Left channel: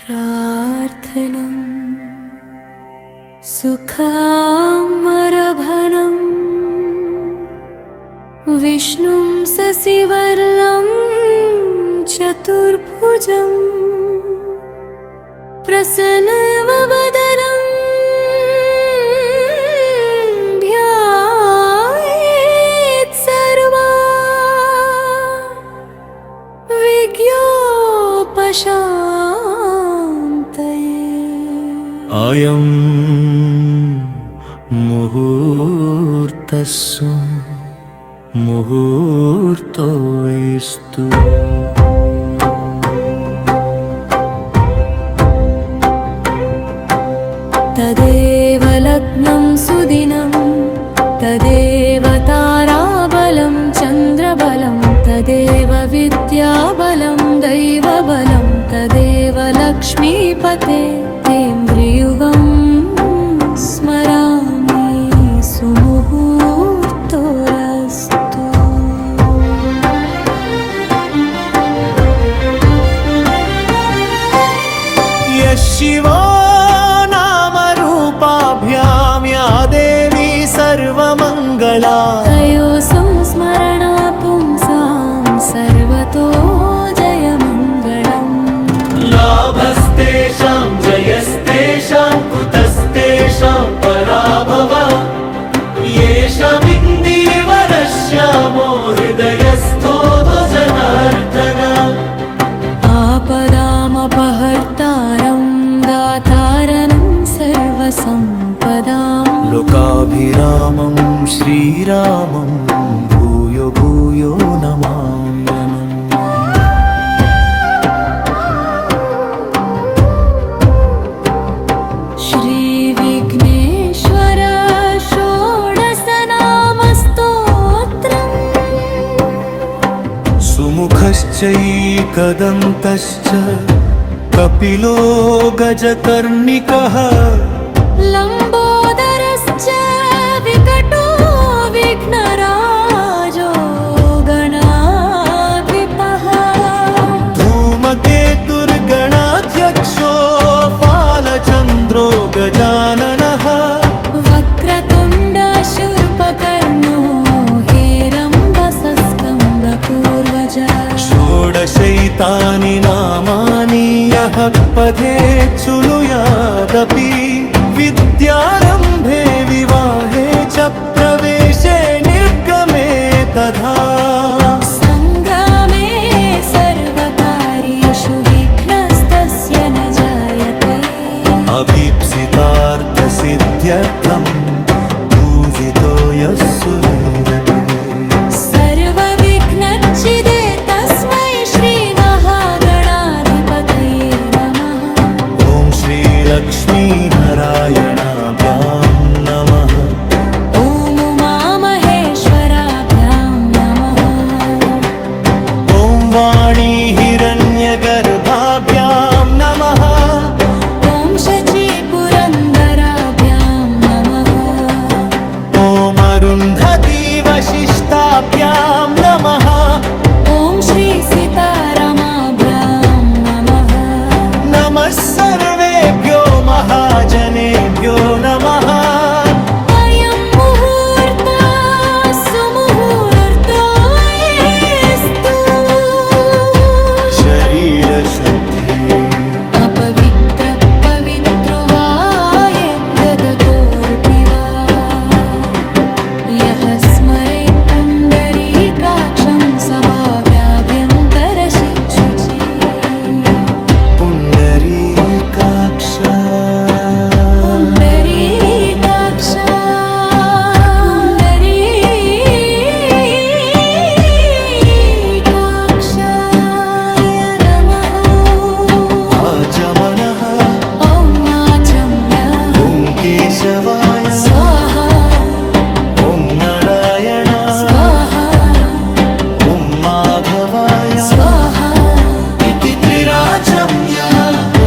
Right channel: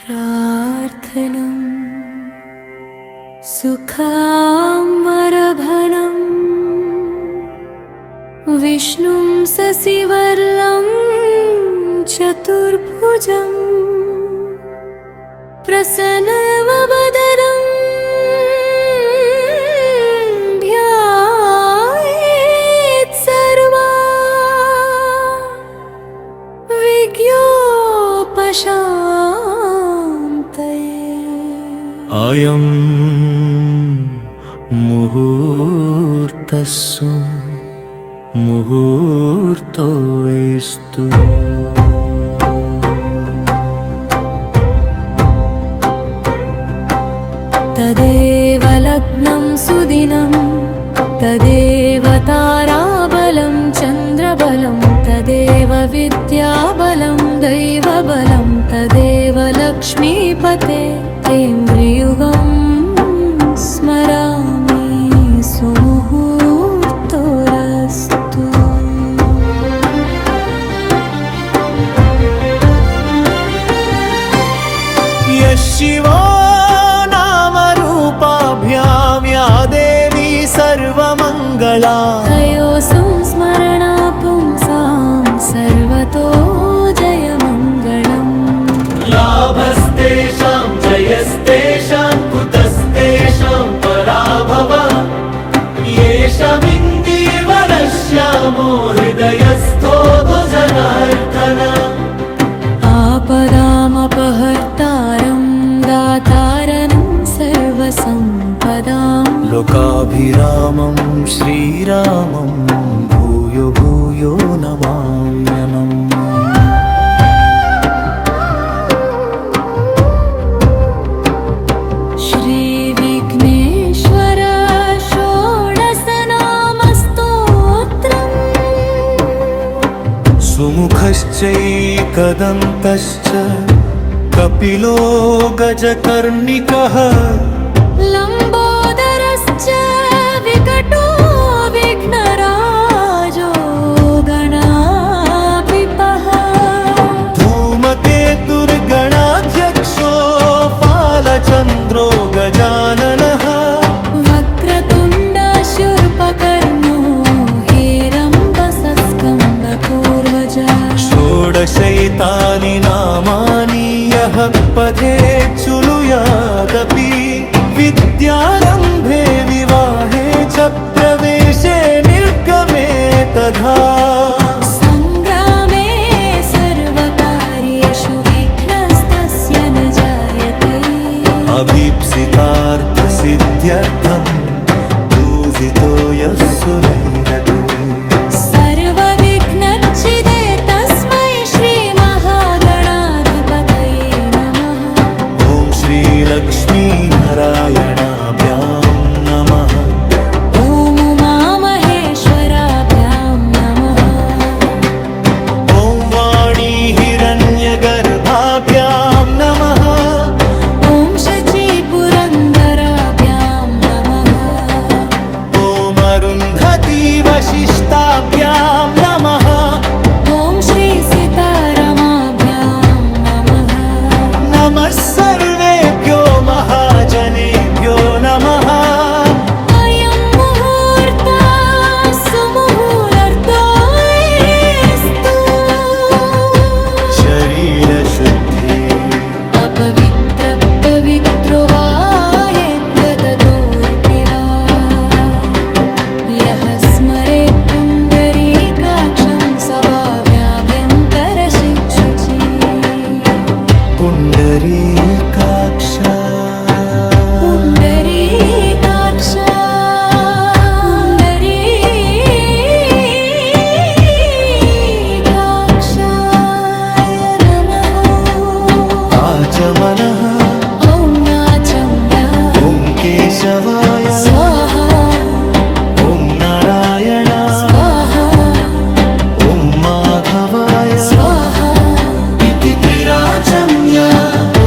प्रार्थनम् सुखामरभनम् विष्णुं शशिवर्णं चतुर्भुजं प्रसन्नवदनं ध्यायेत् सर्वा विज्ञोपशान्तये। अयं मुहूर्तस्सु मुहूर्तोऽस्तु। तदेव लग्नं सुदिनं तदेव ताराबलं चन्द्रबलं तदेव विद्याबलं दैवबलं तदेव लक्ष्मीपते तेन्द्रियुगं स्मरामि सुमुहूर्तोरस्तु। यशिवो नामरूपाभ्यां या देवी सर्वमङ्गला तयोः संस्मरणा पुंसां सर्वतो जयमङ्गलम्। लाभस्तेषां जयस्तेषां कुतस्तेषां पराभवः येषामिन्दीवरश्यामो हृदयस्थो जनार्दन। आपदामपहर्तारं दातारं सर्वसम्पदां लोकाभिरामं श्रीरामं भूयो भूयो नमाम्यहम्। श्रीविघ्नेश्वर षोडशनामस्तोत्रम् सुमुखश्चैकदन्तश्च कपिलो गजकर्णिकः लम्बोदरश्च विकटो विघ्नराजो गणाधिपः धूमकेतुर्गणाध्यक्षो फालचन्द्रो गजाननः वक्रतुण्ड शूर्पकर्णो हेरम्बसस्कन्दपूर्वज षोडशैतानि नामानि यः पठेच्छुनुयादपि विद्यारम्भे विवाहे च प्रवेशे निर्गमे तथा सङ्ग्रामे सर्वकार्येषु विघ्नस्तस्य न जायते। अभीप्सितार्थसिद्ध्यर्थं पूजितो यः सुरैरपि सर्वविघ्नच्छिदे तस्मै श्रीमहागणाधिपतये नमः। ॐ श्रीलक्ष्मीनारायणाभ्यां नमः। ॐ उमामहेश्वराभ्यां नमः। ॐ वाणीहिरण्यगर्भाभ्यां नमः। ॐ शचीपुरन्दराभ्यां नमः। ॐ अरुन्धती वसिष्ठाभ्यां नमः। ॐ श्रीसीतारामाभ्यां नमः। नमः सर्वेभ्यो महाजनेभ्यो नमः। अयं मुहूर्तः सुमुहूर्तोऽस्तु। शरीरशुद्धि अपवित्र पवित्रो वाये गततोऽर्पिवा यः स्मरेत् पुण्डरीकाक्षं सभाव्याभ्यन्तरशिक्षुचि। पुण्डरीकाक्ष पुण्डरीकाक्ष पुण्डरीकाक्षाय नमः। आचमनः ॐ आचम्य ॐ केशवाय स्वाहा ॐ नारायण स्वाहा ॐ माधवाय स्वाहा इति त्रिराचम्य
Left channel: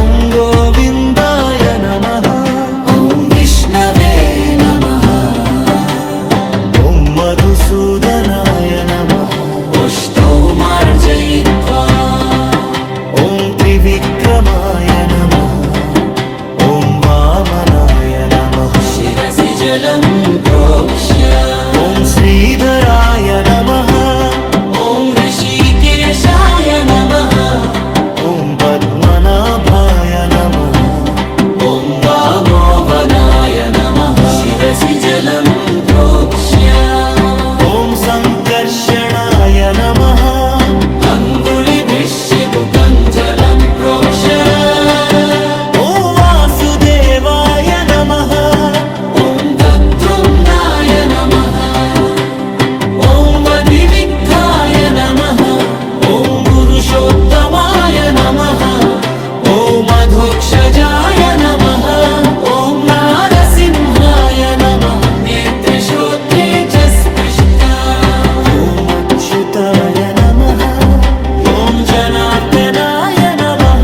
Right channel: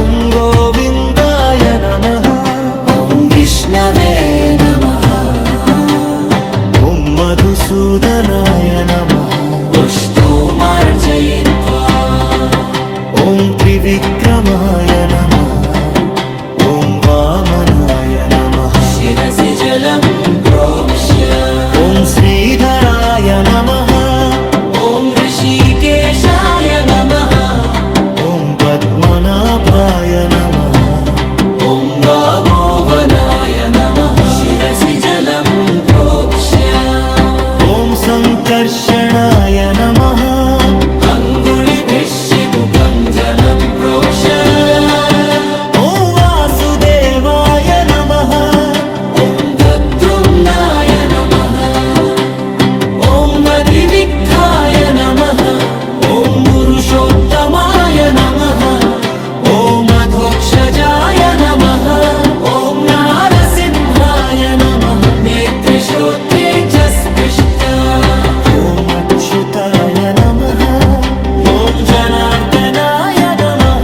ॐ गोविन्दाय नमः। ॐ विष्णवे नमः। ॐ मधुसूदनाय नमः। पुष्पोमार्जयित्वा ॐ त्रिविक्रमाय नमः ॐ वामनाय नमः शिरसि जलं प्रोक्ष्य ॐ श्रीधराय नमः ॐ ऋषिकेशाय नमः ॐ पद्मनाभाय नमः ॐ वामोदराय नमः शिरसि जलं प्रोक्ष्य ॐ सङ्कर्षणाय नमः अङ्गुलिभिश्चिबुकं जलं प्रोक्ष्य ॐ वासुदेवाय नमः ॐ तद्रुम्नाय नमः ॐ मदिविग्धाय नमः ॐ पुरुषोत्तमाय नमः ॐ अधोक्षजाय नमः ॐ नारसिंहाय नमः नेत्रश्रोत्रे च स्पृष्टा ॐ अच्युताय नमः ॐ जनार्दनाय नमः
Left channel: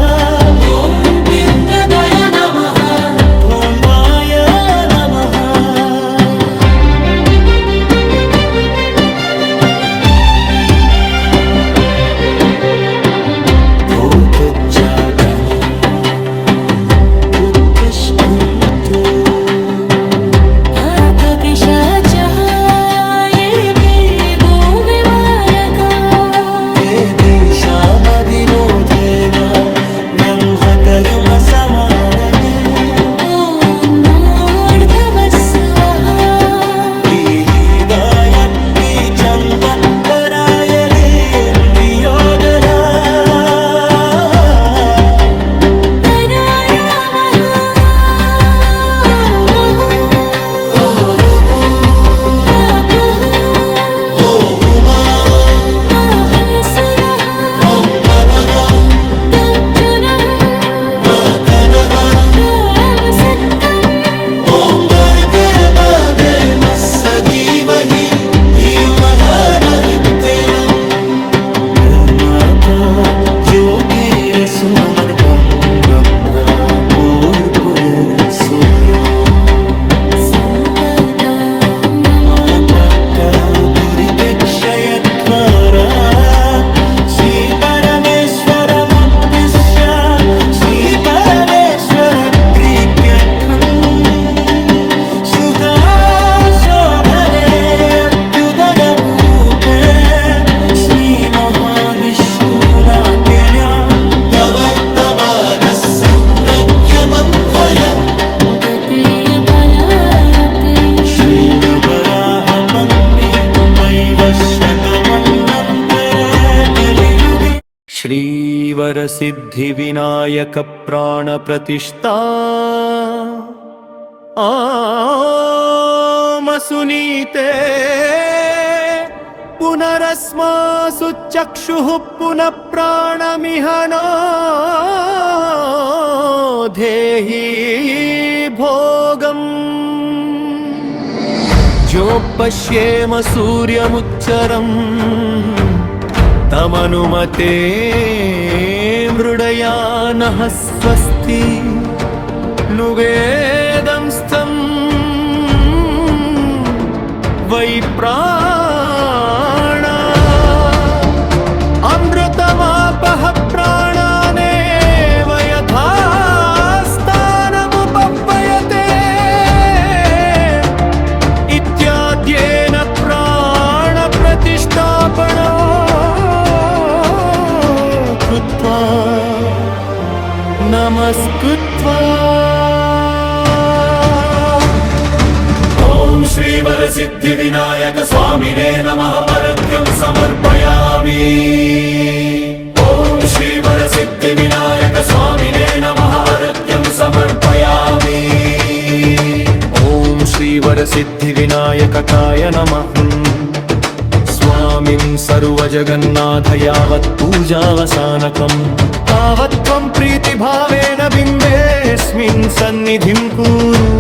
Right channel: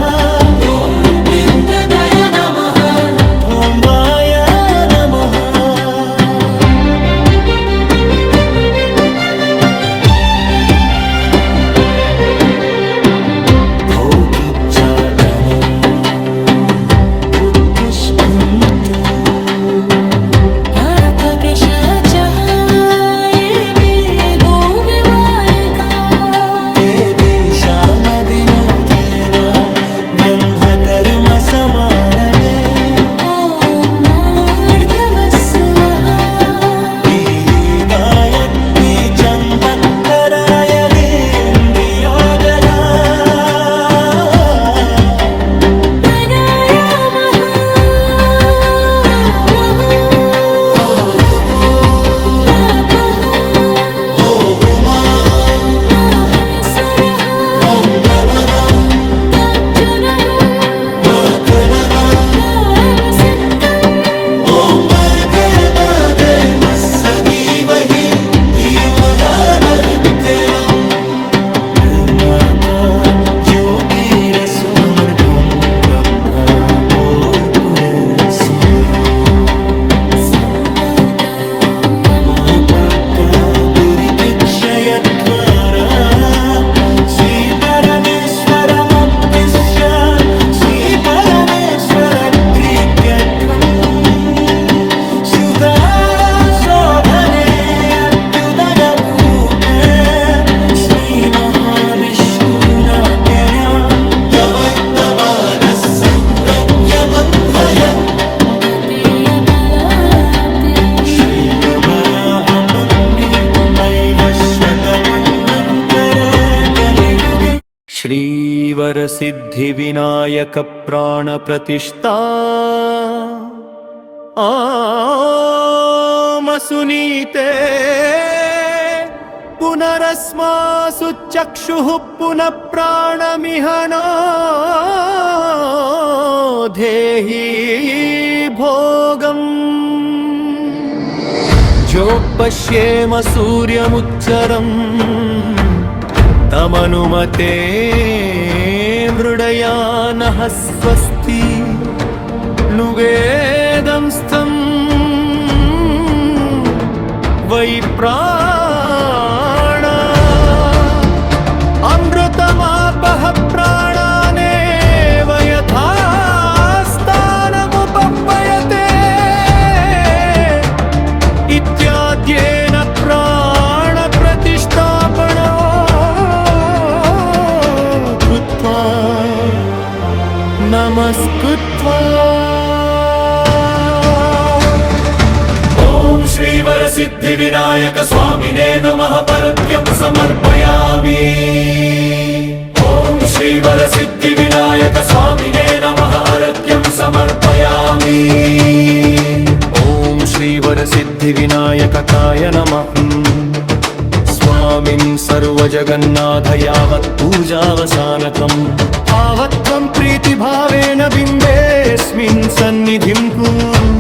ॐ विन्ददय नमः ॐ वाय नमः भोगच्चाकमो उत्तिष्ठन्तु भारतपिशाचः येऽपि भूविवायका ते दिशामदिनोतेन ब्रह्मकर्म समारणे ॐ मूर्धवस्वः गिरिगायत्री चन्दत्तरायणीन्द्रियोदरा तनायामः माहेश्वरः तर्जनः रामसत्तम् सुमन ब्रह्म पूर्पुरे सुवरो सम्पदा माता दुरितक्षयत्वरा श्रीपरमेश्वरमप्पिश्य श्रीपरमेश्वरप्रीत्यर्थम् शुदाशोभने अभ्युदयमूके श्रीमहाविष्णुनाट्यया श्रीवराह पण्डि वैवस्वतमन्नन्तर कलियुगे श्रीवरसिद्धिविनायक प्राणप्रतिष्ठा आमसुनीते पुनरस्मासु चक्षुः पुनः प्राणमिहनो धेहि भोगम् जोपश्येम सूर्यमुच्चरम् तमनुमते मृडयानः स्वस्ति नुवेदं स्तम् वै प्राण अमृतमापः प्राणानेव यथा स्थानमुपपयते इत्याद्येन प्राणप्रतिष्ठापना कृत्वा नमस्कृत्वा श्रीवरसिद्धिविनायक स्वामिने नमः पर्घ्यं समर्पयामि ॐ श्रीवरसिद्धिविनायक स्वामिने नमः अर्घ्यं समर्पयामि ॐ श्रीवरसिद्धिविनायकाय नमः स्वामिं सर्वजगन्नाथ यावत् पूजावसानकम् तावत् त्वं प्रीतिभावेन बिम्बेऽस्मिन् सन्निधिं कुरु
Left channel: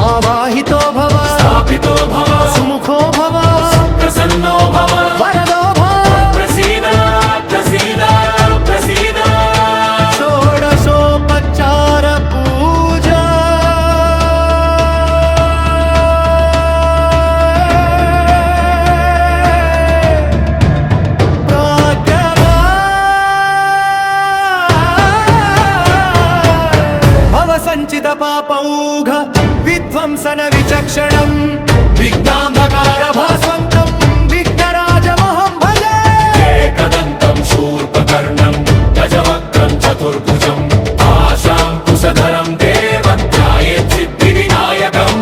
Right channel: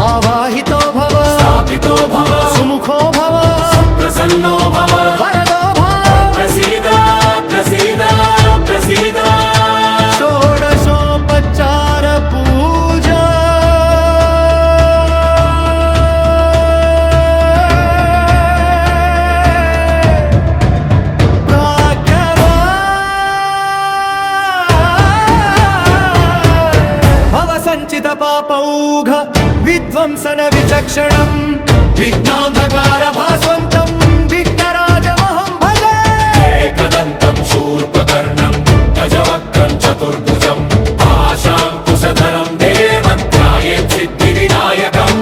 आवाहितो भव स्थापितो भव सुमुखो भव प्रसन्नो भव वरदो भव प्रसीद प्रसीद प्रसीद षोडशोपचार पूजा సంచిత పాపౌఘ విధ్వంసన విచక్షణం విఘ్నాంధకార భాస్వంతం విఘ్నరాజమహం భజే ఏకదంతం శూర్పకర్ణం గజవక్త్రం చతుర్భుజం ఆశాంకుశధరం దేవం ధ్యాయేత్ సిద్ధివినాయకం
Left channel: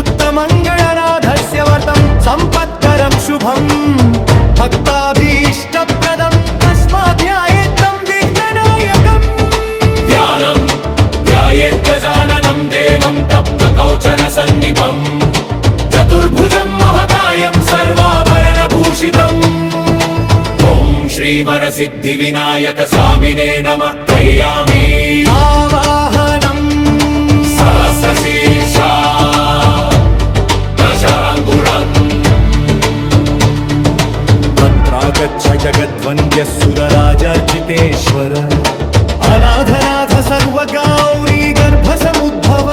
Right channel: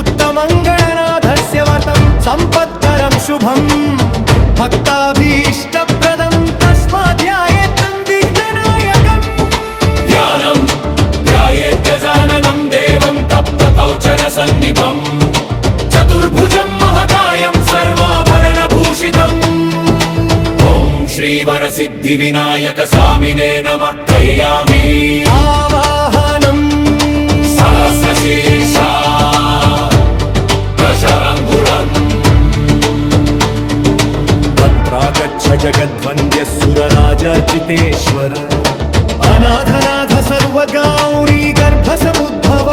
ఉత్తమంగళనాథస్య వర్తం సంపత్కరం శుభం భక్తాభీష్టప్రదం తస్మాత్ ధ్యాయేత్తం విఘ్ననాయకం ధ్యానం ధ్యాయేత్ గజాననం దేవం తప్తకౌచన సన్నిభం చతుర్భుజం మహకాయం సర్వాభరణభూషితం ఓం శ్రీవరసిద్ధివినాయక స్వామినే నమః ధ్యాయామి ఆవాహనం సహస్రశీర్షా దశరాంగుళం తత్రాగచ్చ జగద్వంద్య సురరాజర్జితేశ్వర అనాథనాథ సర్వగౌరీ గర్భ సముద్భవ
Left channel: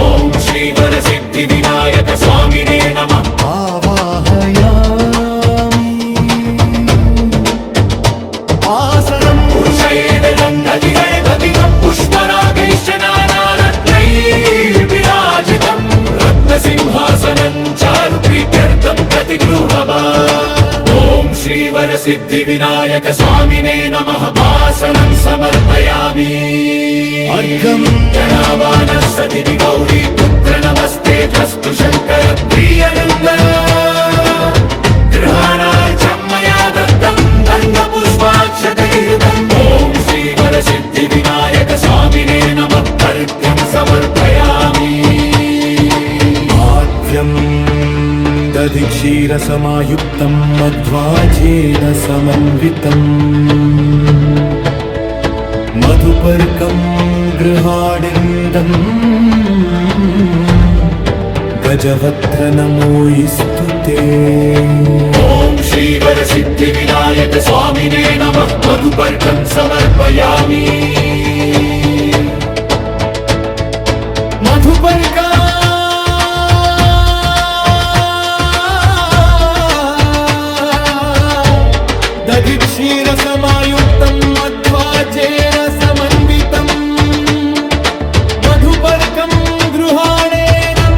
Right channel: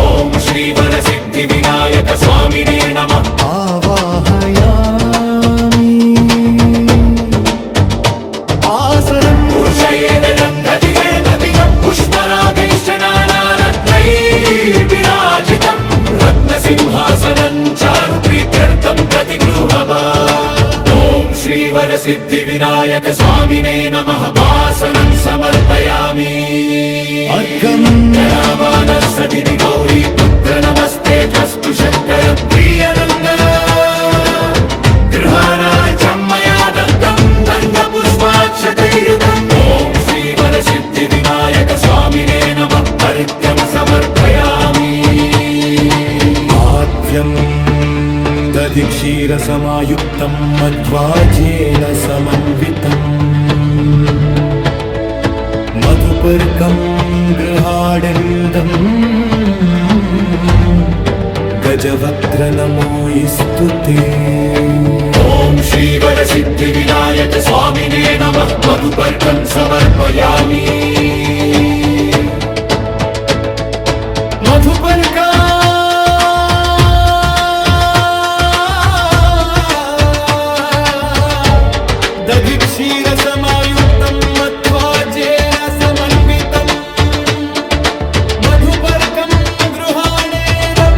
ఓం శ్రీవరసిద్ధివినాయక స్వామినే నమః ఆవాహయామి ఆసనం పురుషయేన రంగధిరేమధిరం పుష్పరాగైశ్చ నానారత్నైర్విరాజితం రత్నసింహాసనం చారు ప్రీత్యర్థం ప్రతిగృహవా ఓం శ్రీవరసిద్ధివినాయక స్వామినే నమః ఆసనం సమర్పయామి అర్ఘం జయామానः సతిరి గౌరీ పుత్ర నమస్తే అస్తు శంకర ప్రియనంద గృహాణార్చం మయా దత్తం గంధపుష్పాక్షతైర్యుతం ఓం శ్రీవరసిద్ధివినాయక స్వామినే నమః అర్ఘ్యం సమర్పయామి ఆద్యం దధిక్షీరసమాయుక్తం మధ్వాజేన సమన్వితం మధుపర్కం గృహాడిందం గజవక్త్ర నమోయిస్తుతే ఓం శ్రీవరసిద్ధివినాయక స్వామినే నమః మధుపర్కం సమర్పయామి మధుపర్కా దధిక్షీరసమాయుక్తం మధ్వాజేన సమన్వితం మధుపర్కం గృహాణేదం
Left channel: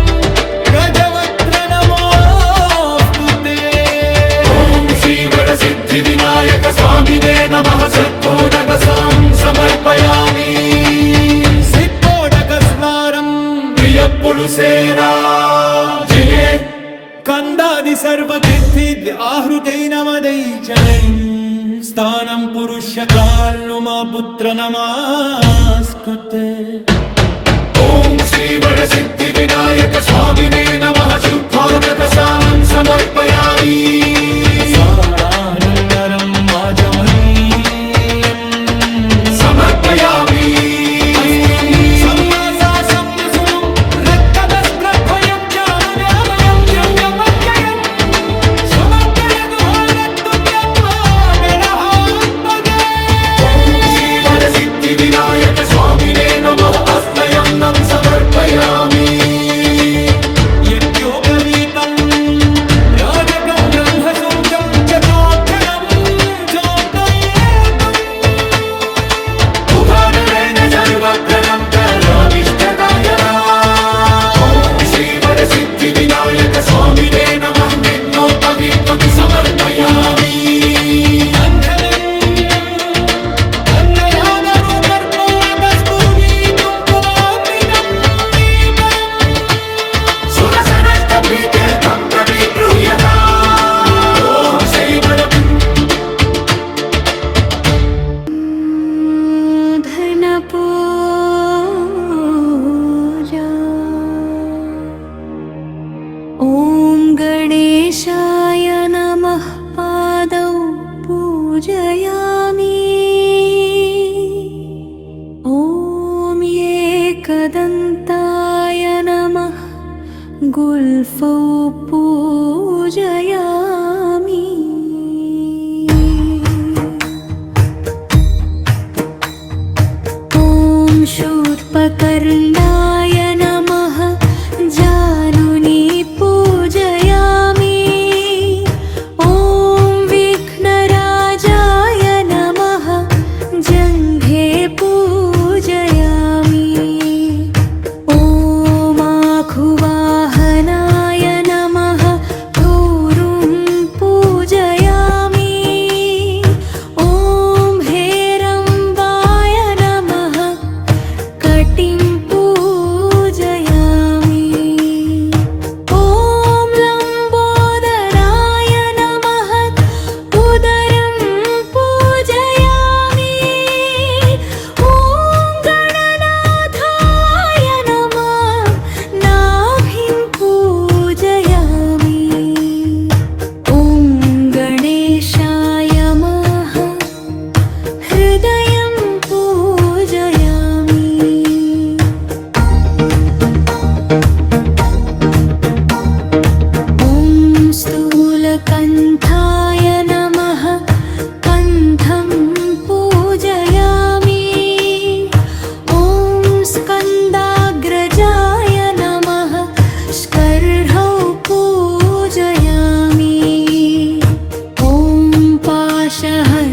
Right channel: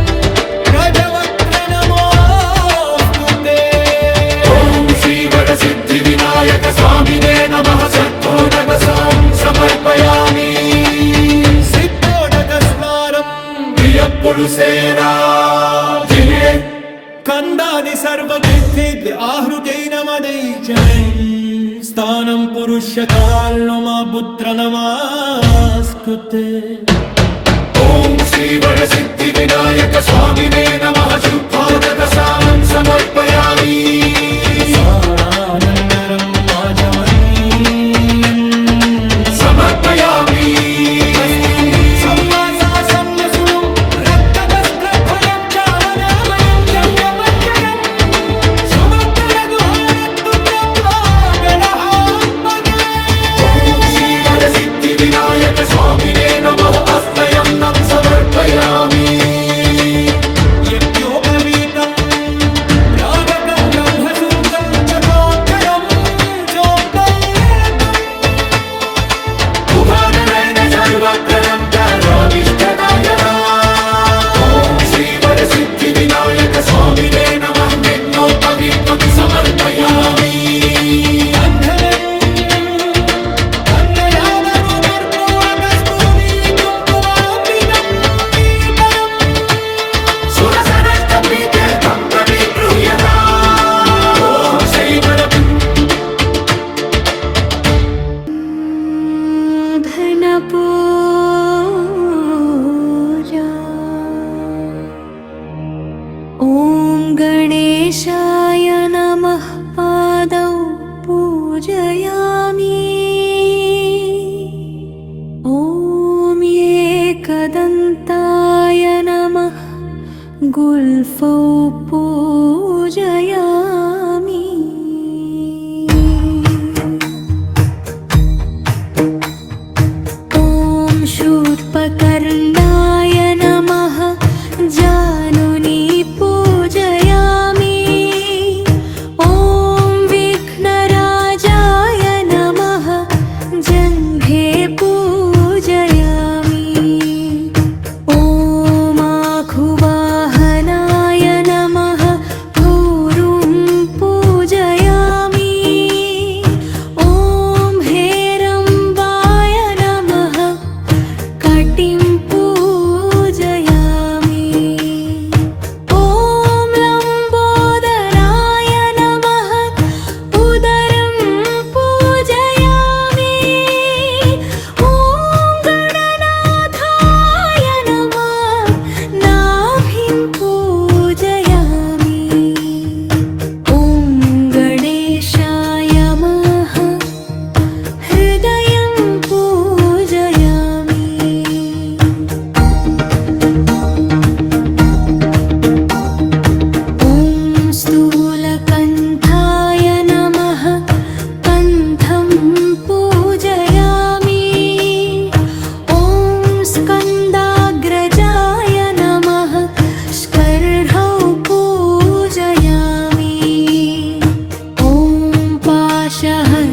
గజవక్త్ర నమోస్తుతే ఓం శ్రీవరసిద్ధివినాయక స్వామినే నమః సత్కోదకసాం సమర్పయామి సిక్కోడక స్నారం పులుసేనా జయే కందాది సర్వతీర్థేద్య ఆహృతైన మదైచమై స్థానం పురుష్య కాల్ను మా పుత్ర నమాస్కుతే ఓం శ్రీవరసిద్ధివినాయక స్వామినే నమః శుభాగతసాం సమర్పయామి సాడానన్నరం ఆచమనీయం సమర్పయామి వస్తుం సమ్మాసా సమ్యసురం రక్తవస్త్రద్వయం చావనాభయం జంగమజ్జయం సుమక్కదదుహారత్తుం నత్వా గణః భజే శ్రీవరసిద్ధివినాయక స్వామినే నమః అస్నయం సమర్పయామి యజ్ఞోపవీతం రాజకం బ్రహ్మసుంచం చకాక్షరం జోక్తయేతం ఉగానరేణ సర్వజ్ఞనం ధ్యాయామిష్టదాయనా ఓం శ్రీవరసిద్ధివినాయక స్వామినే నమః యజ్ఞోపవీతం సమర్పయామి బంధనం వందనాదరూపర్పూర్ణకస్తూరి కుంకుమాంబితం దీపనం సురసనస్తపీఠం ప్రతిగృహ్యతా ఓం శ్రీవర धनपूजा ॐ गणेशाय नमः पादौ पूजयामि ॐ एकदन्ताय नमः गुल्फौ पूजयामि ॐ शूर्पकर्णाय नमः जानुनी पूजयामि ॐ विघ्नराजाय नमः जङ्घे पूजयामि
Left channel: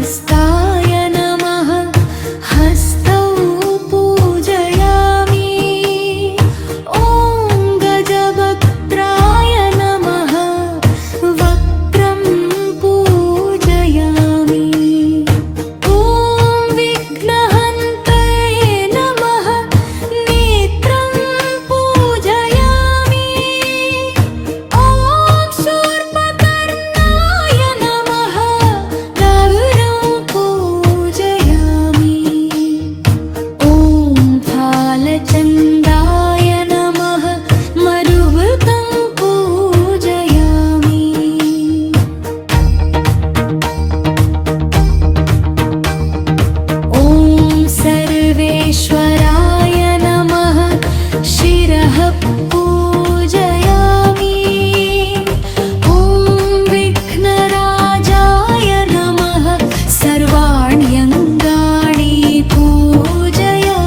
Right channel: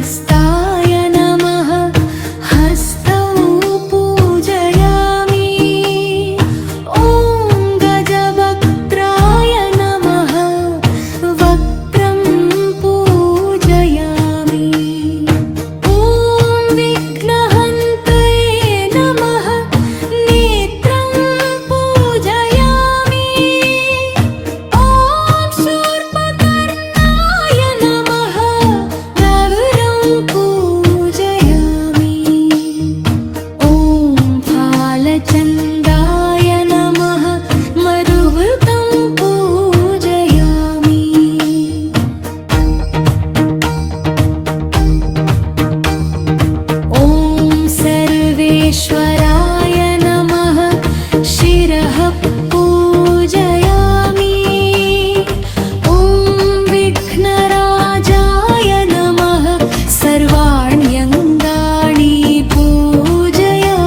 हस्ताय नमः हस्तौ पूजयामि ॐ गजवक्त्राय नमः वक्त्रं पूजयामि ॐ विघ्नहन्त्रे नमः नेत्रं पूजयामि ॐ शूर्पकर्णाय नमः गरुडं पूजयामि ॐ फालचन्द्राय नमः मरुभृतं पूजयामि ॐ सर्वेश्वराय नमः शिरः पूजयामि ॐ विघ्नराजाय नमः सर्वाण्यङ्गानि पूजयामि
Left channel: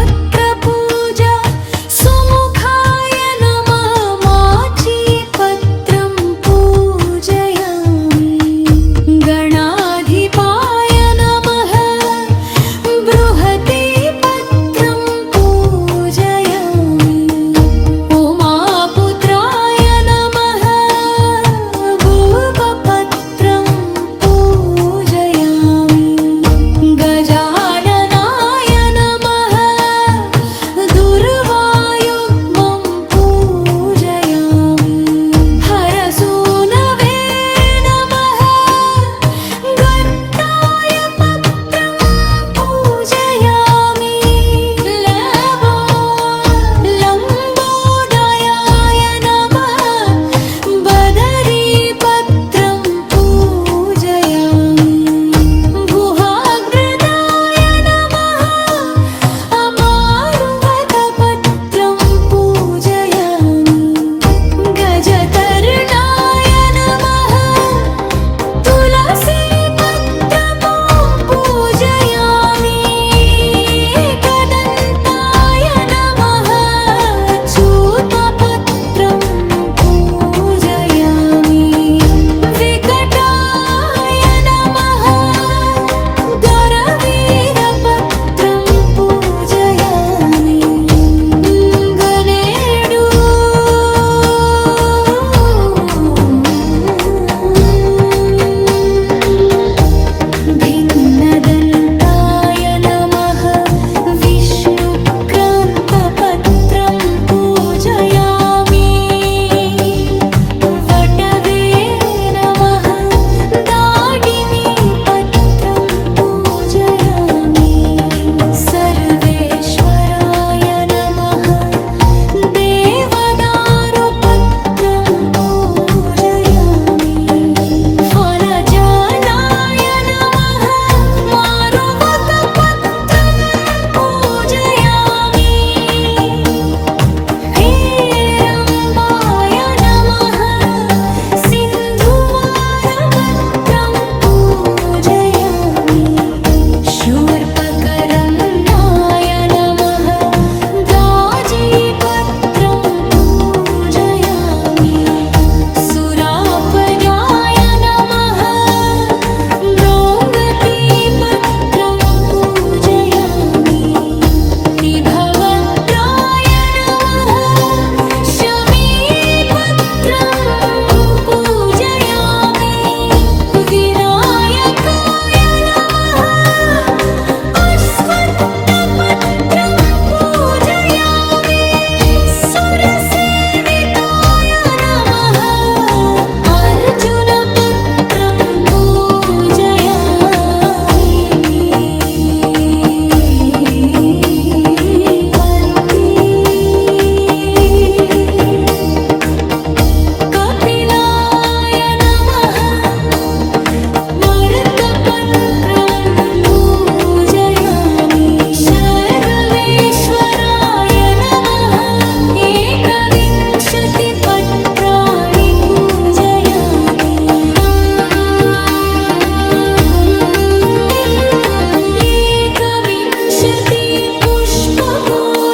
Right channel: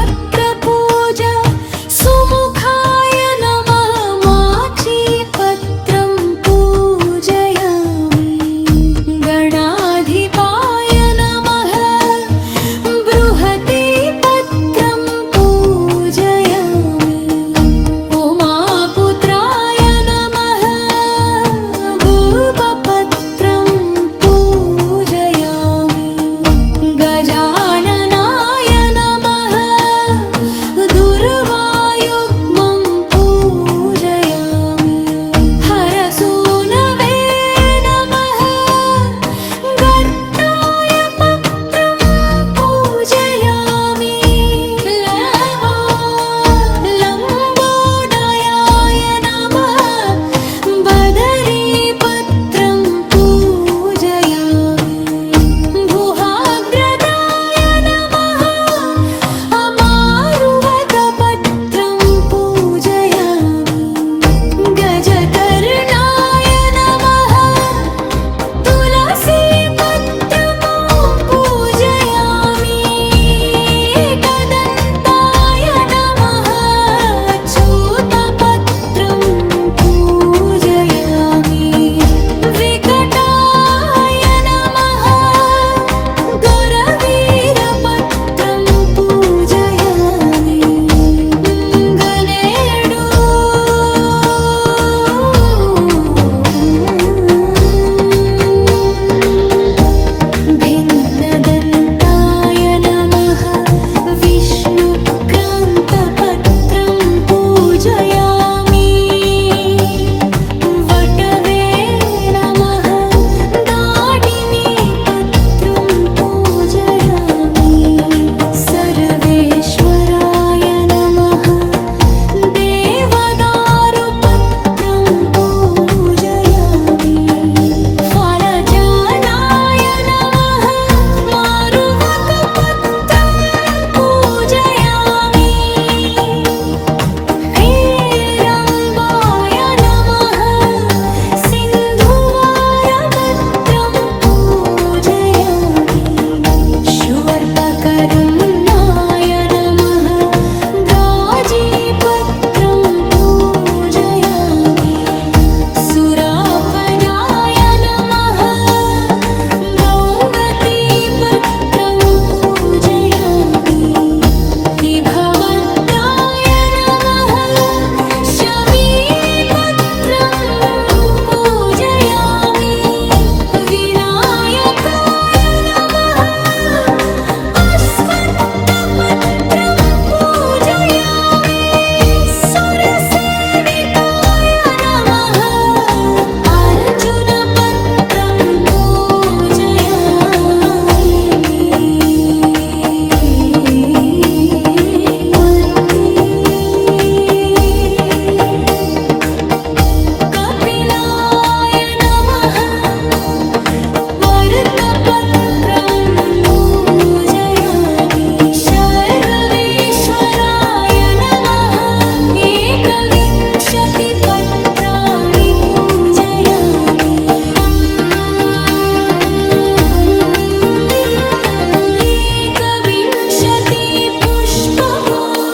अधैकविंशतिपत्रपूजा सुमुखाय नमः माचीपत्रं पूजयामि गणाधिपाय नमः बृहतीपत्रं पूजयामि उमापुत्राय नमः भूपपत्रं पूजयामि गजाननाय नमः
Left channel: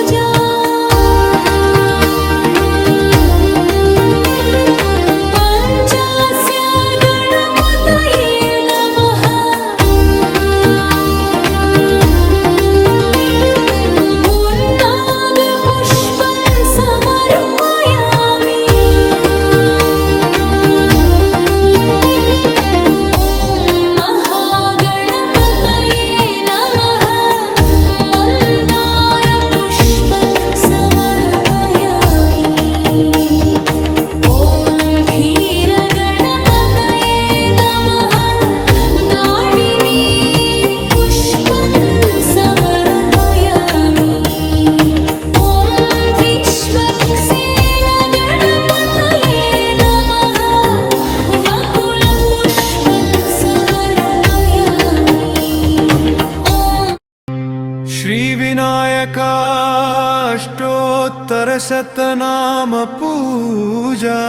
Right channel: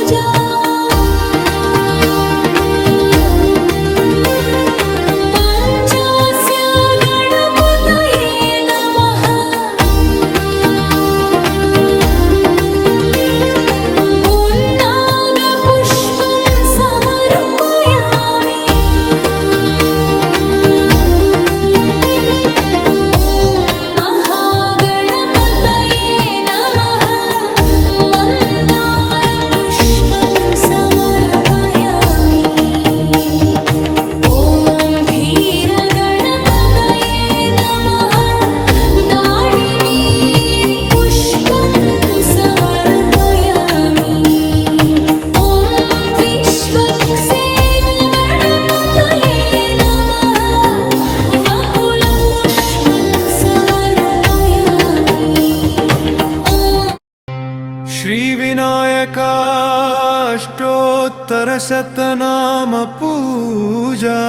पूजा पञ्चास्य गणपतये नमः पुन्नागपुष्पं समर्पयामि ॐ महागणपतये नमः मन्दारपुष्पं समर्पयामि ॐ धीरगणपतये नमः दाडिनी पुष्पं समर्पयामि ॐ विश्वक्सेनगणपतये नमः वकुलपुष्पं समर्पयामि ॐ श्रीविनायकाष्टोत्तरशतनाम पूजा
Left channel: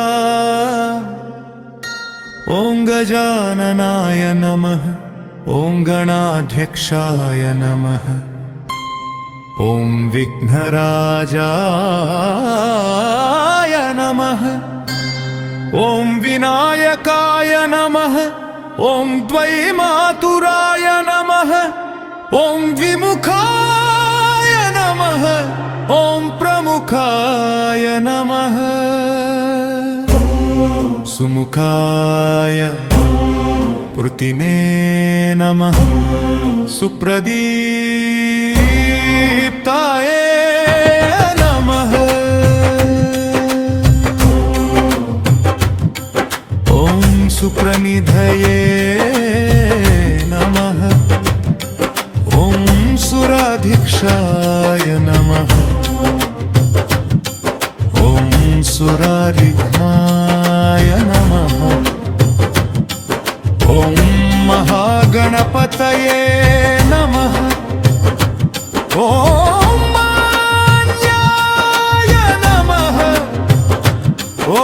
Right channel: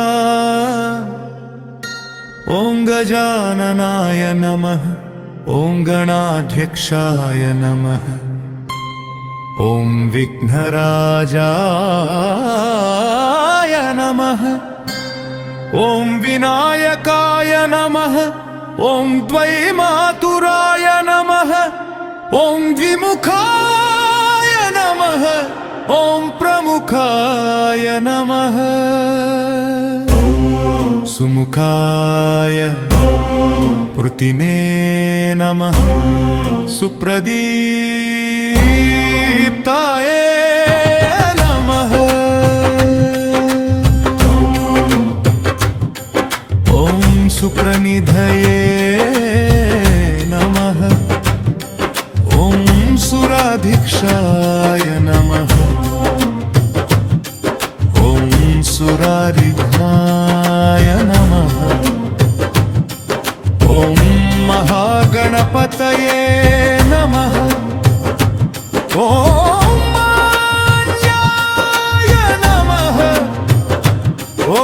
ॐ गजाननाय नमः ॐ गणाध्यक्षाय नमः ॐ विघ्नराजाय नमः ॐ विनायकाय नमः ॐ द्वैमातुराय नमः ॐ द्विमुखाय नमः ॐ प्रमुखाय नमः सुमुखाय पृथिने नमः सुप्रदीप्ताय नमः ॐ सुप्रनिधये नमः ॐ सुराधीक्षाय नमः ॐ सुरारिघ्नाय नमः ॐ महागणपतये नमः ॐ मान्याय नमः ॐ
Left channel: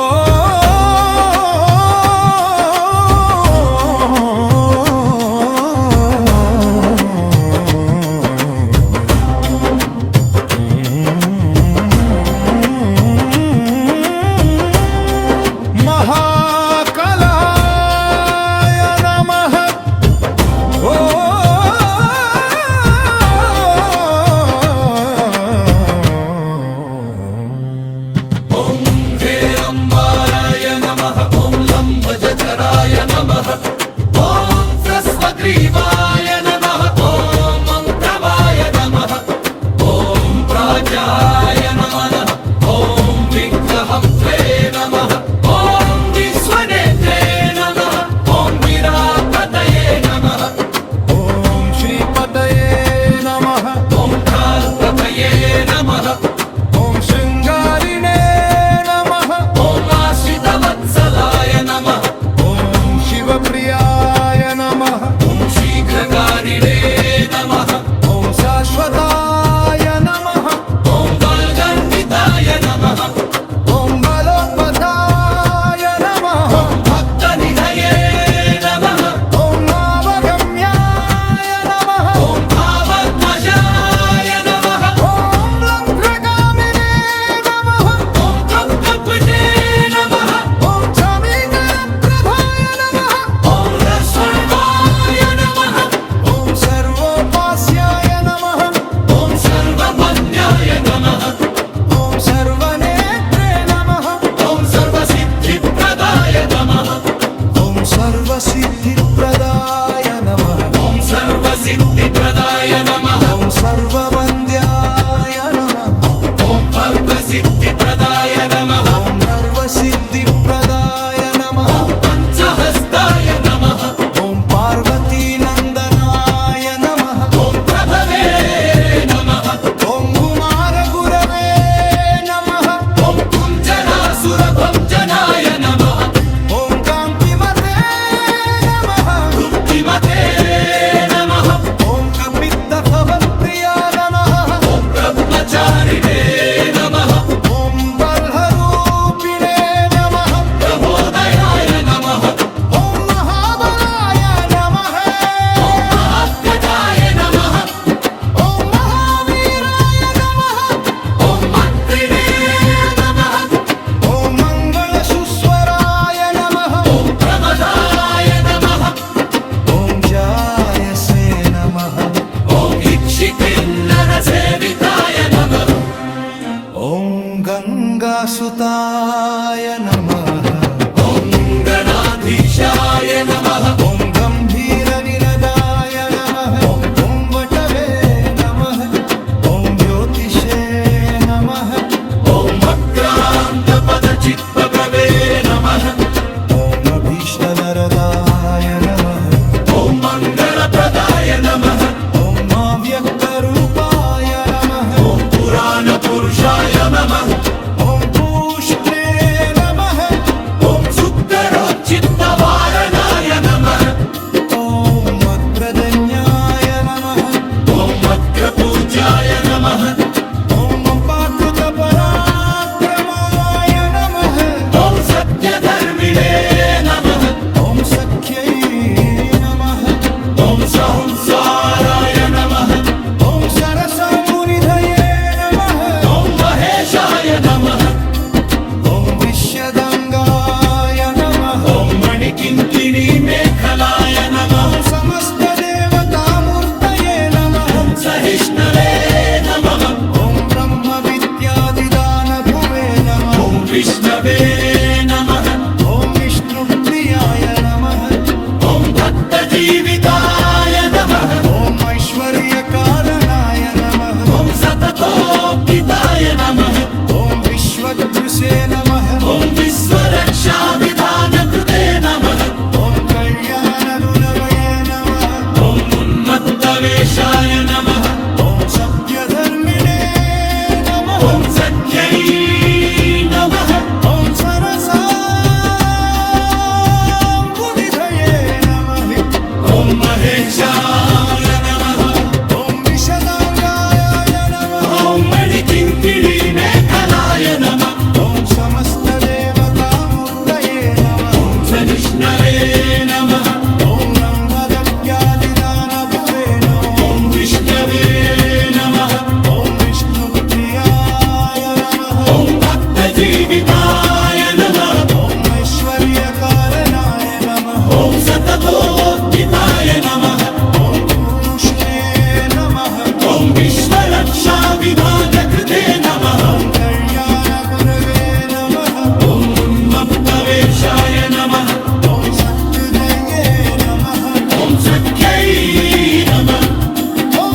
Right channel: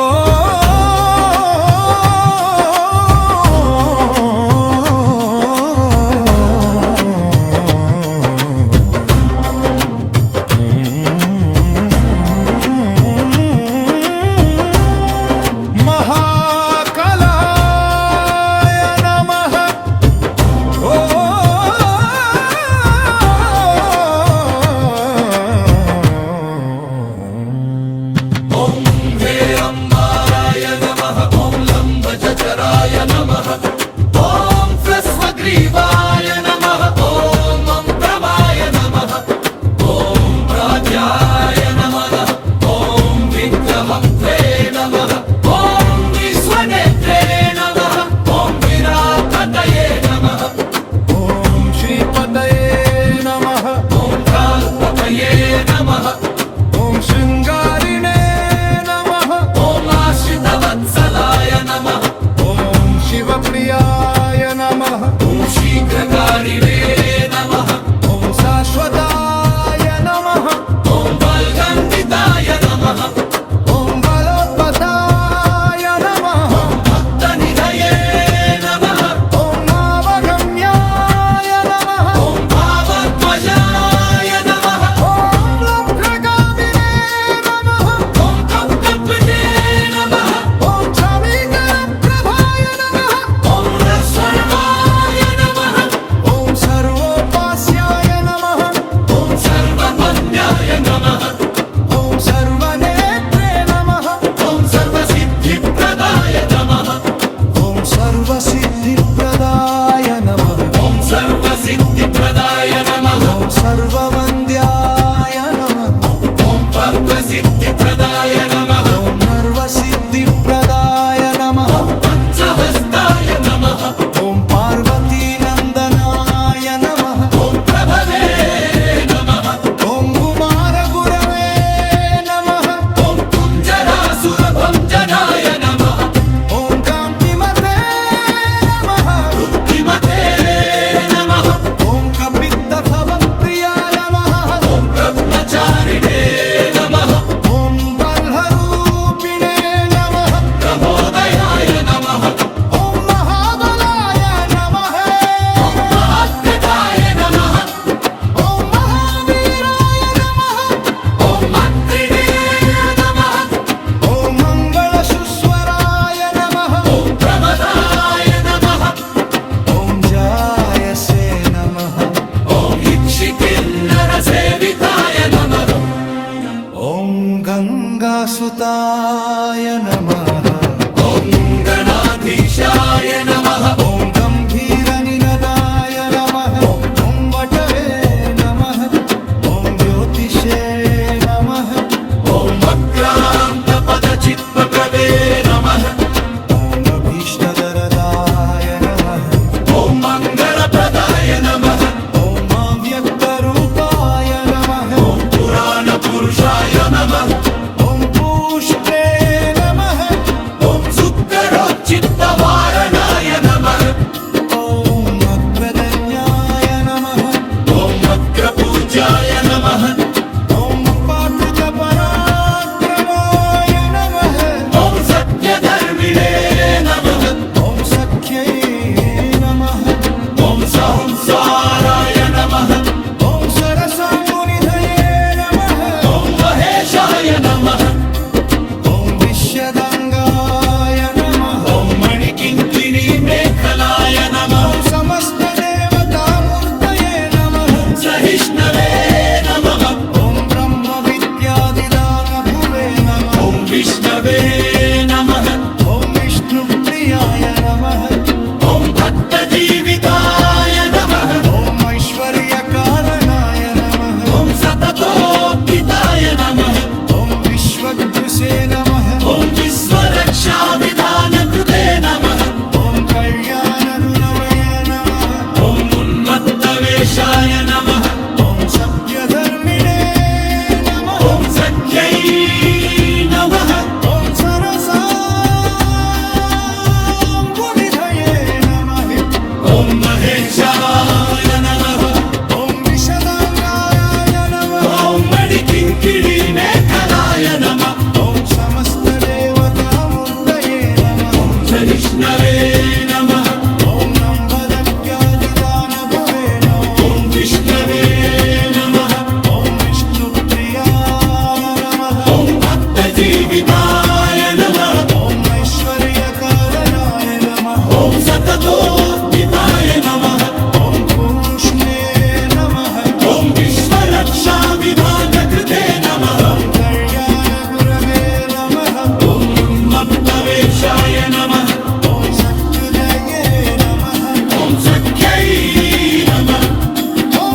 महाकलाय नमः ॐ हेरम्बाराय नमः ॐ लम्बजठराय नमः ॐ ह्रस्वग्रीवाय नमः ॐ मन्त्रवाय नमः ॐ प्राज्याय नमः ॐ विग्रहन्त्रे नमः ॐ विश्वनेत्रे नमः ॐ विरापतये नमः ॐ श्रीपदये नमः ॐ कालपतये नमः ॐ शृङ्गारिणे नमः ॐ आश्रितवत्सलाय नमः ॐ शिवप्रियाय नमः ॐ शीघ्रकारिणे नमः ॐ शाश्वताय नमः ॐ बाल्गन्विताय नमः ॐ बलोत्पथाय नमः भक्तनिधये नमः ॐ मावगम्याय नमः ॐ भावध्वजाय नमः ॐ लङ्घ्रगामिने नमः ॐ कप्कपिते नमः ॐ क्षमीकरप्रभाय नमः ॐ रसर्वाय नमः ॐ सर्वोपास्याय नमः ॐ सर्वमन्याय नमः ॐ सर्वनेत्रे नमः ॐ सर्वसिद्धिप्रदाय नमः ॐ सर्वसिद्धिप्रदाय नमः ॐ सर्वसिद्धिप्रदाय नमः ॐ सर्ववन्द्याय नमः ॐ सर्वसिद्धिप्रदाय नमः ॐ नर्वसिद्धिप्रदाय नमः पञ्चहस्ताय नमः ॐ पार्वतीनन्दनाय नमः ॐ प्रभवे नमः ॐ कुमारगुरवे नमः ॐ कुञ्जरासुरभञ्जनाय नमः ॐ कान्तिमते नमः किमते नमः ॐ कपित्तभवप्रिया नमः ॐ ब्रह्मचारिणे नमः ॐ बल्हरूपिणे नमः प्रबोधयाय नमः ॐ महाबलाय नमः महात्कटाय नमः ॐ महावीराय नमः गजासुताय नमः ॐ गणाधीशाय नमः ॐ गम्भीरनिनदाय नमः ॐ वटवे नमः ॐ ज्योतिषे नमः ॐ मक्रान्तपदचित्पकवे नमः ॐ अभीष्टवरदाय नमः ॐ मङ्गलप्रदाय नमः ॐ अव्यक्तरूपाय नमः ॐ पुराणपुरुषाय नमः ॐ पूष्णे नमः ॐ सुकरोच्चित्तवारणाय नमः ॐ मत्प्रदन्याय नमः ॐ मग्रपूज्याय नमः ॐ पाकृतपराक्रमाय नमः ॐ सत्यधर्मिणे नमः ॐ सख्यै नमः ॐ सहंसाराय नमः ॐ सरसाम्बुनिधये नमः ॐ महेशाय नमः ॐ विश्यदङ्गाय नमः ॐ मणिकिङ्किणीमेखलाय नमः ॐ समस्तदेवतामूर्तये नमः सहिष्णवे नमः ॐ ब्रह्मविद्यादिदानभुवे नमः ॐ विष्णवे नमः ॐ विष्णुप्रियाय नमः ॐ भक्तजीविताय नमः ॐ ऐश्वर्यकारणाय नमः ॐ सततोत्थिताय नमः ॐ विश्वदृशे नमः ॐ विश्वरक्षाविधानकृते नमः ॐ कल्याणगुणवये नमः ॐ उन्मत्तवेषाय नमः ॐ सभ्यधर्मिणे नमः ॐ सत्यै नमः ॐ सरसाम्बुनिधये नमः ॐ महेशाय नमः ॐ विशदाङ्गाय नमः ॐ मणिकिङ्किणीमेखलाय नमः ॐ समस्तदेवतामूर्तये नमः ॐ सहिष्णवे नमः ॐ नम्बदत्यादिदानभुवे नमः ॐ विष्णवे नमः ॐ विष्णुप्रियाय नमः ॐ भक्तजीविताय नमः ॐ ऐश्वर्यकारणाय नमः ॐ सततोत्थिताय नमः ॐ पूष्णे नमः ॐ विश्वरक्षाविधानकृते नमः ॐ कल्याणगुरवे नमः ॐ उन्मत्तवेषाय नमः ॐ सत्कृदये नमः ॐ सत्यै नमः ॐ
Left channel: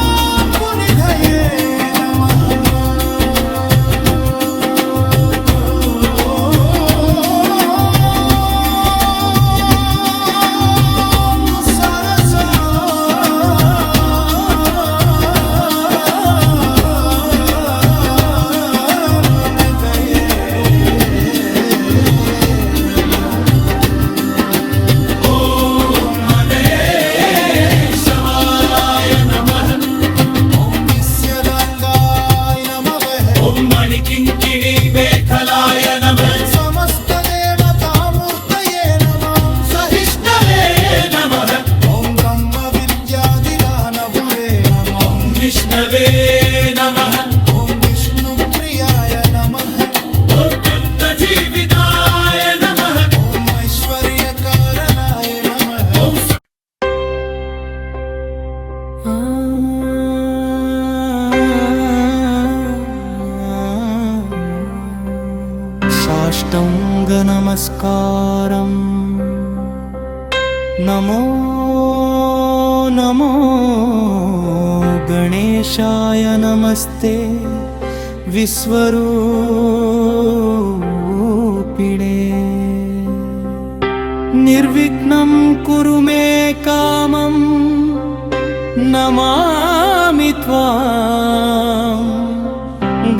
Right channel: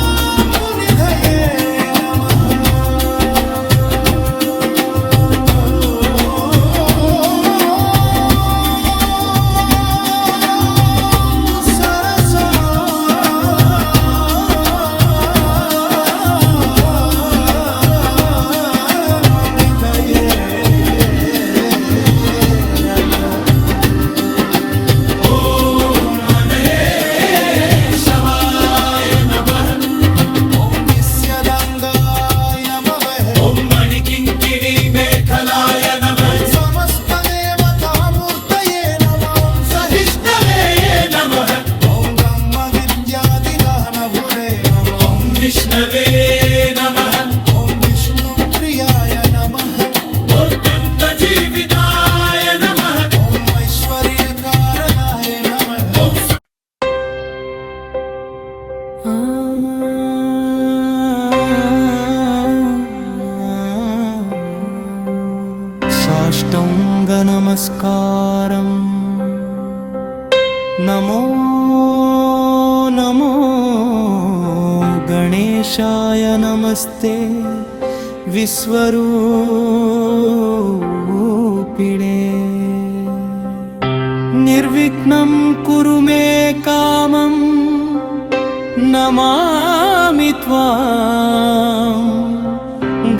सरसाम्बुनिधये नमः सरसाम्बुनिधये महेशाय नमः ॐ विश्यदाङ्गाय नमः ॐ मणिकिङ्किणीमेखलाय नमः समस्तदेवतामूर्तये नमः ॐ सहिष्णवे नमः ॐ ब्रह्मविद्यादिदानभुरे नमः ॐ विष्णवे नमः ॐ विष्णुप्रियाय नमः ॐ भक्तजीविताय नमः ॐ ऐश्वर्यकारणाय नमः साष्टाङ्गनमस्कारम् नमो नमो गणेशाय नमस्ते विश्वरूपिणे निर्विघ्नं कुरु मे कामं नमामि त्वां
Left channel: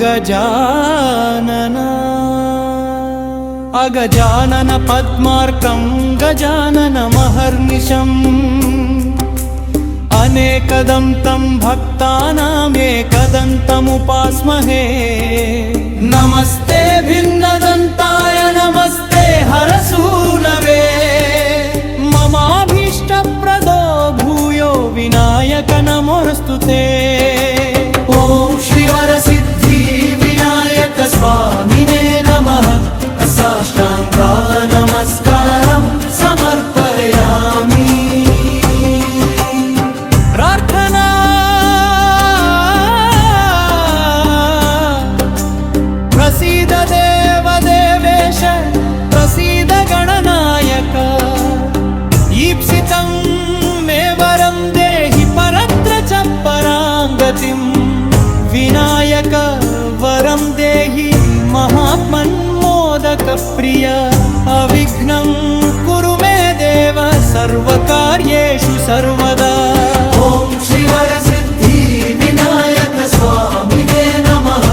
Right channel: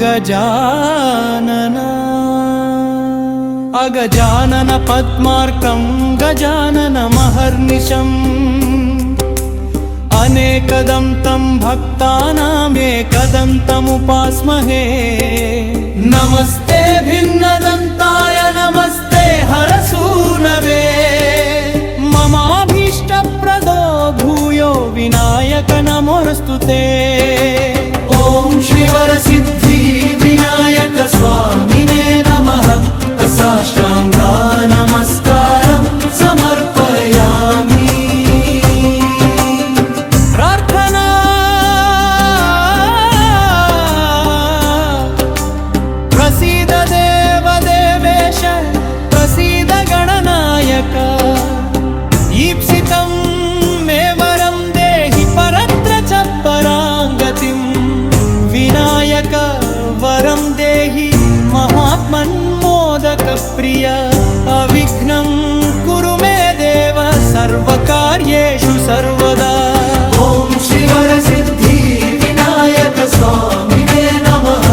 गजानन अगजानन पद्मार्कं गजाननमहर्निशम् अनेकदं तं भक्तानामेकदन्तमुपास्महे नमस्ते भिन्नदन्ताय नमस्ते हरसूनवे ममाभीष्टप्रदो भूयो विनायक नमोऽस्तु ते ॐ श्रीवरसिद्धि विनायक स्वामिने नमः साष्टाङ्गा नमस्कारं समर्पयामि प्रार्थना विनायक ईप्सितं मे वरं देहि परत्र च पराङ्गतिं विनायक वरं देहि महात्मन्मोदकप्रिय अविघ्नं कुरु मे देव सर्वकार्येषु सर्वदा ॐ श्रीवरसिद्धि विनायक स्वामिने नमः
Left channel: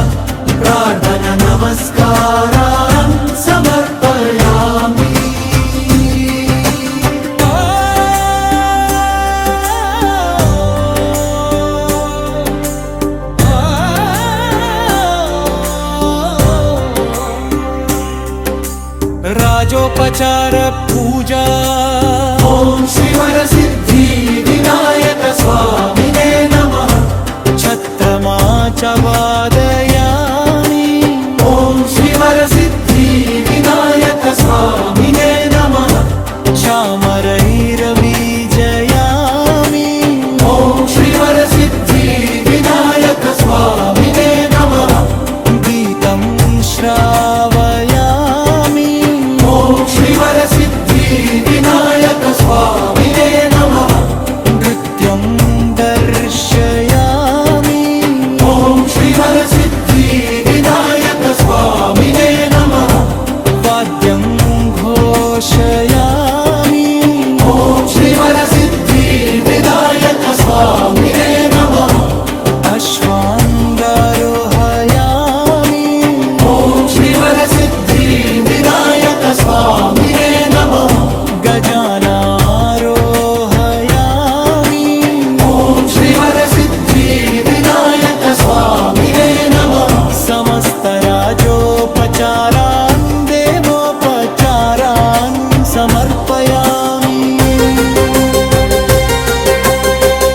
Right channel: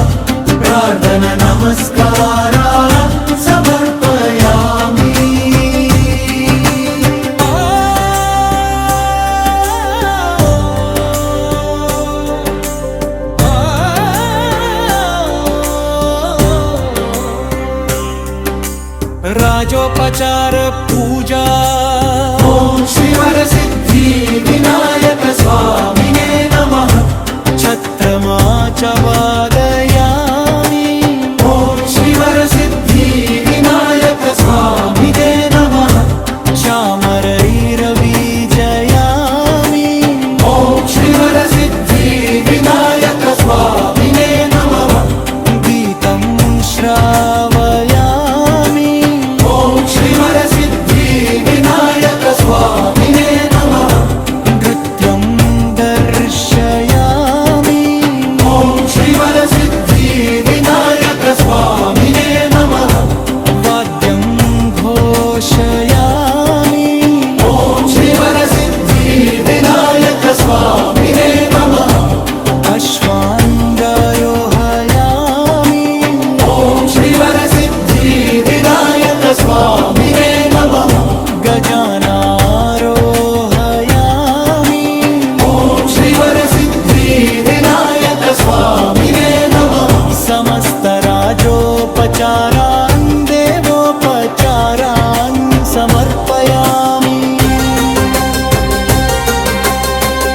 प्रार्थना नमस्कारान् समर्पयामि राजोपचार पूजा ॐ श्रीवरसिद्धि विनायक स्वामिने नमः छत्रमा च वादयामि ॐ श्रीवरसिद्धि विनायक स्वामिने नमः चामरैरवीजयामि ॐ श्रीवरसिद्धि विनायक स्वामिने नमः गीतं श्रावयामि ॐ श्रीवरसिद्धि विनायक स्वामिने नमः नृत्यं दर्शयामि ॐ श्रीवरसिद्धि विनायक स्वामिने नमः वाद्यं घोषयामि ॐ श्रीवरसिद्धि विनायक स्वामिने नमः अश्वाङ्गारोहयामि ॐ श्रीवरसिद्धि विनायक स्वामिने नमः गजानारोहयामि ॐ श्रीवरसिद्धि विनायक स्वामिने नमः समस्तराजोपचारान् देवोपचारान् समर्पयामि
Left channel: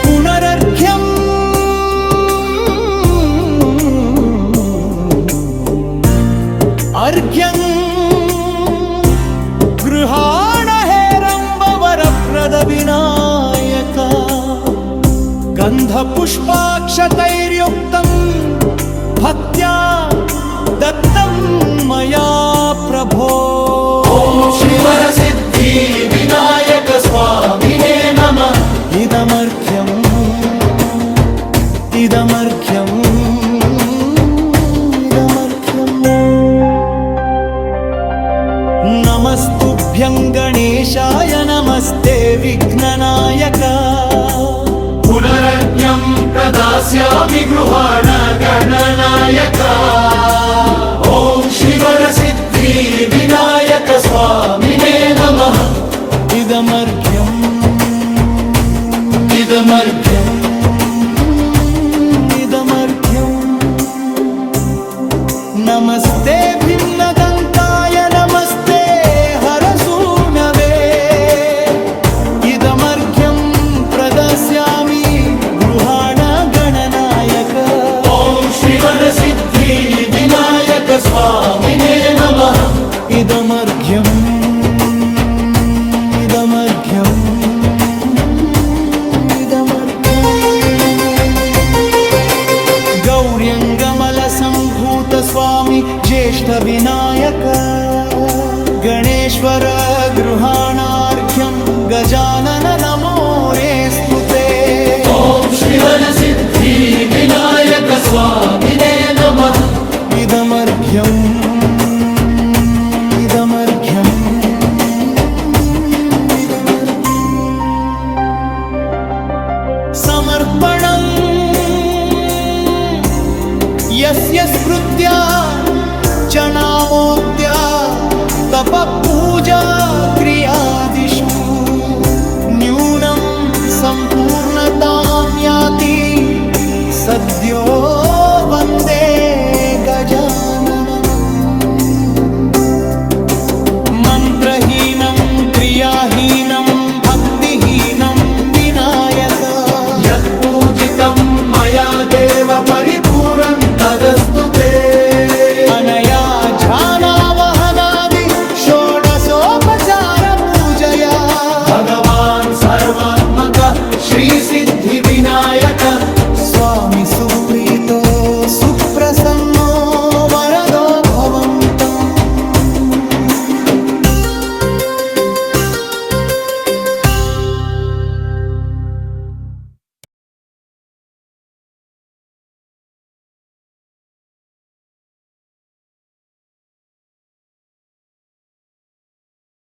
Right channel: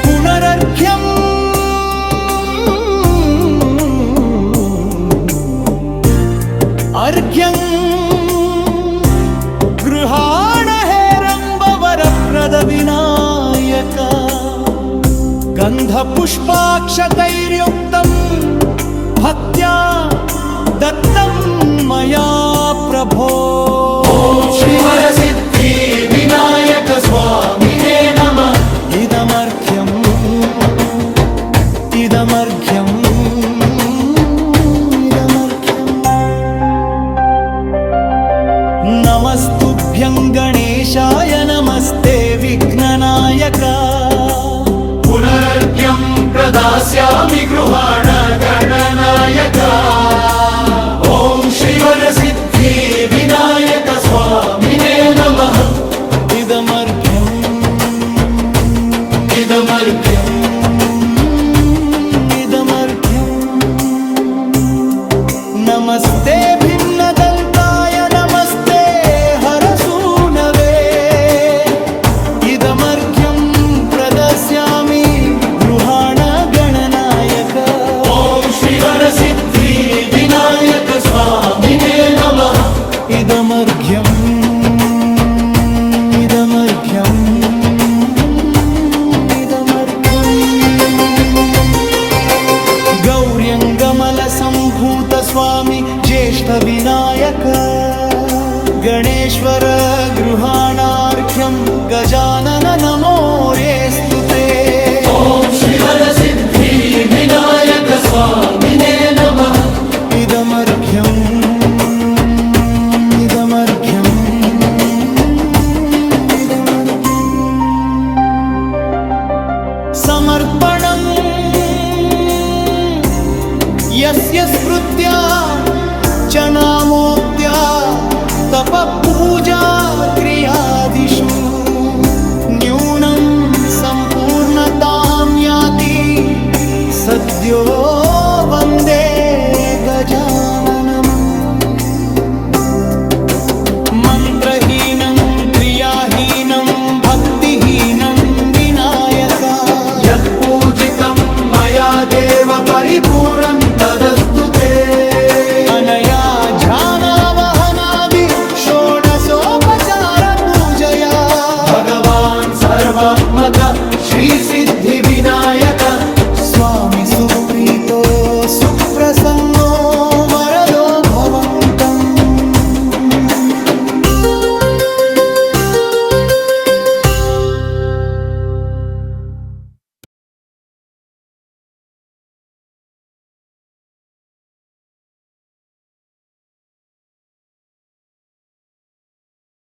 पुनरर्घ्यम् अर्घ्यं गृहाण हेरम्बवरप्रद विनायक गन्धपुष्पाक्षतैर्युक्तं भक्त्या दत्तं मया प्रभो ॐ श्रीवरसिद्धि विनायक स्वामिने नमः इदमर्घ्यम् इदमर्घ्यम् नमस्तुभ्यं गणेशाय नमस्ते विघ्ननायक पुनरर्घ्यं प्रदास्यामि गृहाण गणनायक ॐ श्रीवरसिद्धि विनायक स्वामिने नमः इदमर्घ्यम् इदमर्घ्यम् इदमर्घ्यम् नमस्ते भिन्नदन्ताय नमस्ते हरसूनवे इदमर्घ्यं प्रदास्यामि गृहाण गणनायक ॐ श्रीवरसिद्धि विनायक स्वामिने नमः इदमर्घ्यम् इदमर्घ्यम् गौर्यङ्गमलसम्भूत स्वामी ज्येष्ठ विनायक गणेश्वर गृहाणार्घ्यं गजानन नमोरेऽस्तु ते ॐ श्रीवरसिद्धि विनायक स्वामिने नमः इदमर्घ्यम् इदमर्घ्यम् इदमर्घ्यम् समर्पणम् यस्य स्मृत्या च नामोक्त्या तपपूजा क्रियादिषु न्यूनं सम्पूर्णतां याति सद्यो